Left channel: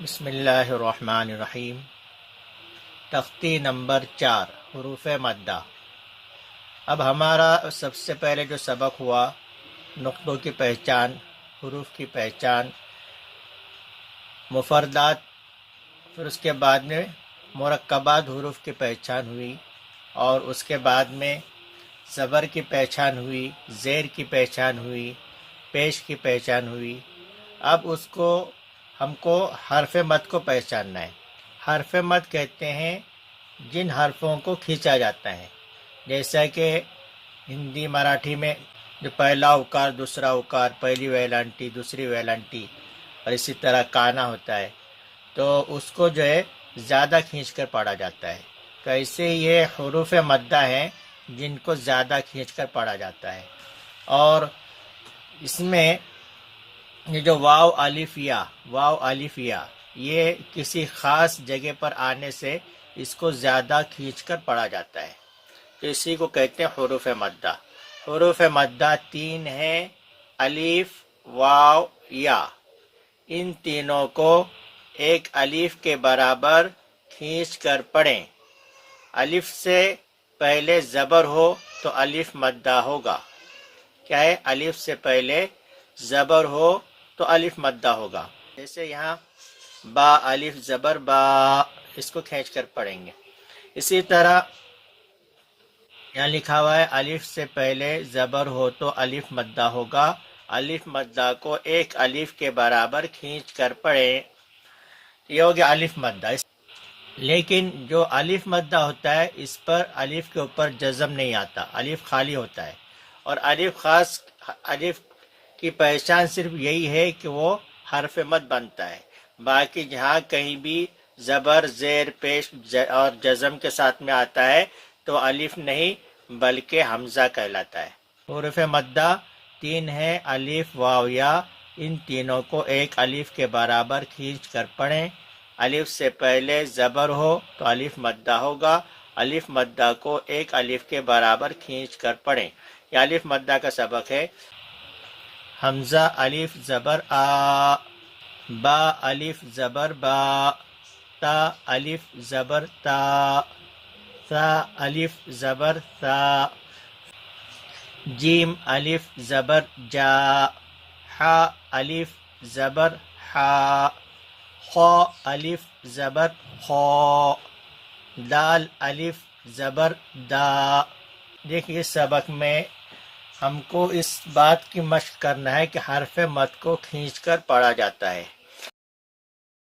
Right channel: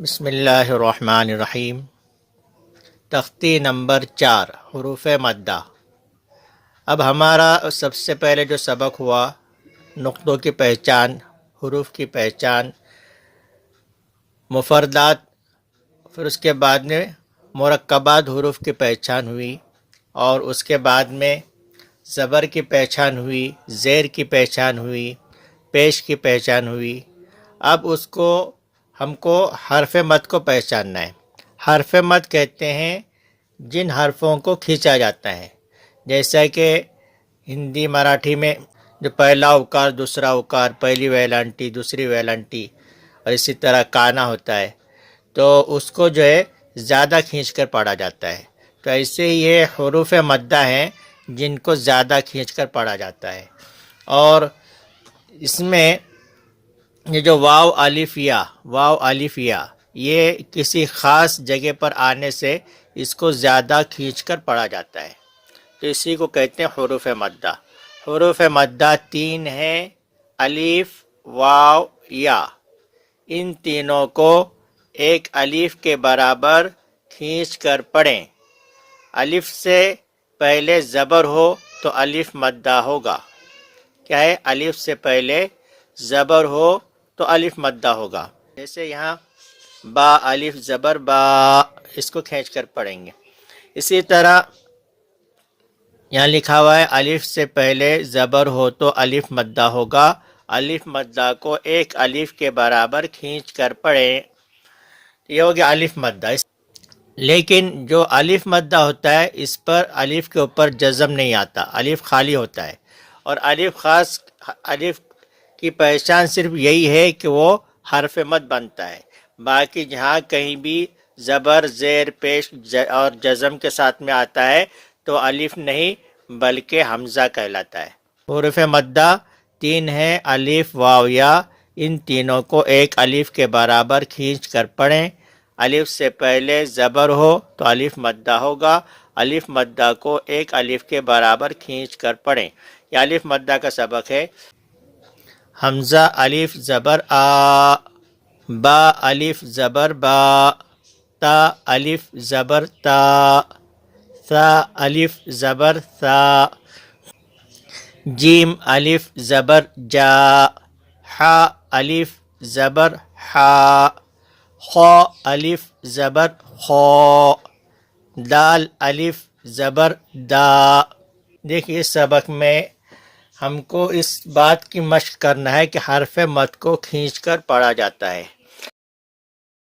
بسم اللہ الرحمن الرحیم۔ تختی نمبر 4، حروف مدہ۔ اب ہمارا سب سے پہلے جو سبق ہوا نقطوں کی پہچان، حروف کی پہچان، مفردات، پھر اس کے بعد میں مرکبات حروف کی پہچان ہوئی، اور اس کے بعد میں زبر کی پہچان ہوئی، زیر کی پہچان ہوئی، پیش کی پہچان ہوئی۔ اب ہم کو حرف مد کو پہچاننا ہے۔ حرف مد کہتے ہیں جن حرفوں کو کھینچا جاتا ہے، جیسا کہ ہندی مراٹھی میں جو پہلا اوکار، دوسرا اوکار، پہلی ویلانٹی، دوسری ویلانٹی، اور اسی طرح کانا ہوتا ہے، تو اس کو جو ہے زیادہ کھینچ کر پڑھا جاتا ہے۔ تو ایسے یہ حروف مدہ ہیں جن کو زیادہ کھینچ کر پڑھا جاتا ہے۔ اور اس میں یہ جو واو الف یا یہ کسی خاص جگہ پر آنے سے اس کو زیادہ کھینچ کر پڑھا جاتا ہے، تو اسی کو کہتے ہیں حروف مدہ۔ حروف مدہ 3 ہیں، الف، واو، یا۔ ان تینوں کو ایک الف کے برابر کھینچ کر پڑھیں۔ الف سے پہلے زبر ہو تو الف مدہ ہوگا۔ کیا ہے؟ الف سے پہلے زبر ہو تو الف مدہ ہوگا۔ جیسے یہاں با، الف زبر با، اس کو کھینچ کر پڑھیں گے۔ اسی طرح یہاں لکھا ہوا ہے الف سے پہلے زبر ہو تو الف مدہ ہوگا، الف مدہ کو ایک الف کے برابر کھینچ کر پڑھیں۔ یہ ہو گیا الف مدہ۔ لیکن جو الف مدہ ہوتا ہے اس پر الف کے اوپر جزم نہیں آتا، الف خالی ہوتا ہے، اور الف کی پہچان صرف یہی ہے کہ وہ حرف مد بنتا ہے۔ باقی جہاں کہیں بھی زبر، زیر، پیش اور جزم کے ساتھ میں آتا ہے تو الف نہیں بلکہ حمزہ کہلاتا ہے۔ حروف مدہ 3 ہیں، الف، واو، یا۔ ان تینوں کو ایک الف کے برابر کھینچ کر پڑھیں۔ الف سے پہلے زبر ہو تو الف مدہ ہوگا، الف مدہ کو ایک الف کے برابر کھینچ کر پڑھیں۔ یہ الف مدہ کا سبق ہے۔ حمزہ الف زبر آ، با الف زبر با، تا الف زبر تا، ثا الف زبر ثا، جیم الف زبر جا، حا الف زبر حا، خا الف زبر خا، دال الف زبر دا۔ دیکھیے سبق میں ہم کو اس بات کی مشق کرنا ہے کہ حرف مد کو کھینچ کر پڑھا جاتا ہے۔